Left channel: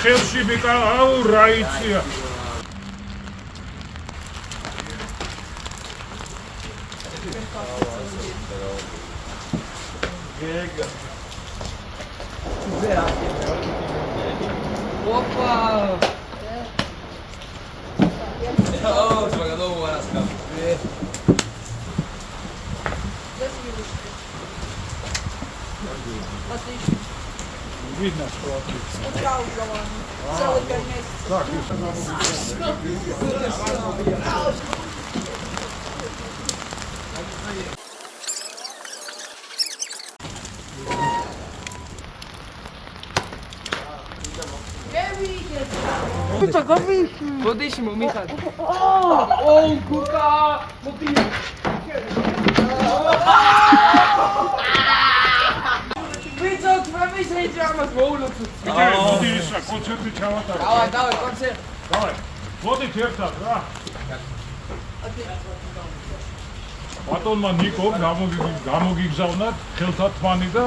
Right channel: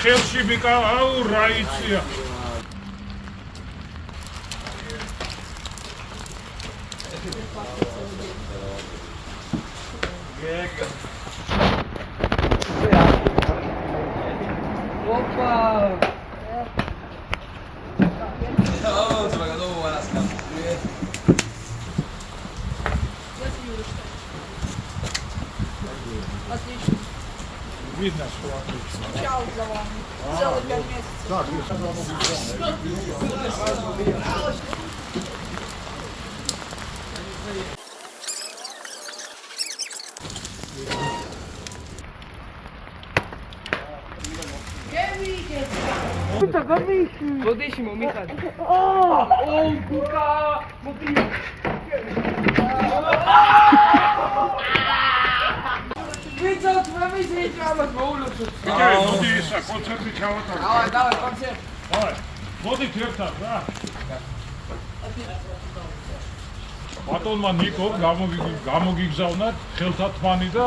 ხელში ბიკა, აუ რა იცია. Opa! Oh, jogador buenas, cara. Отлично. Видно, что отлично. Чао, Главани. Целый месяц. Так, если надо Poddeixa, meu cara. Oh, Cuca! Vitor, tu vai me sentir uma bola. მოდი ისა კონცერტი ჩავატარო. Давай, концерт. დავай. მოდით ერთად რა. ბატონმა ნიკომ გამოგიგზავნათ ხელთათმანი და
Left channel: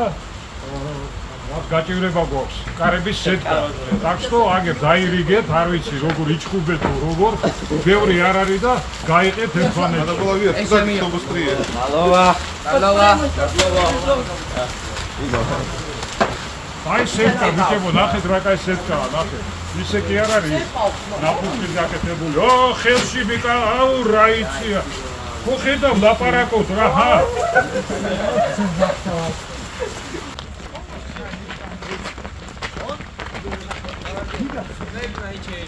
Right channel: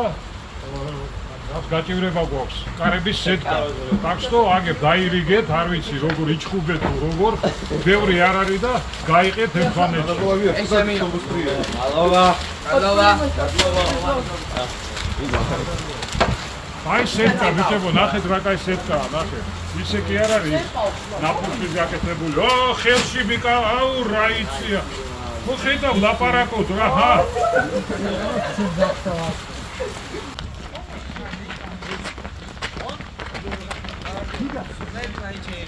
რაც გაჭირება გვაქვს კარების სეტკა. так что აგებ დაირიგეთ, არ ვიცი როგორ იჩხუბეთ თუ როგორ, ბევრი არ არის და გაიყეთ ერთმანეთში. Алова. აი სეტკა ვიჭებო, ნახეთ რა კაი სეტკაა, ნახეთ. ისე კი არ არის ნაფუქი გაკეთებული. ო, ხელში ბიკა, აუ რა იცია. ხო ხედავ ლაპარაკობ რა, ჰა. Дай пройти.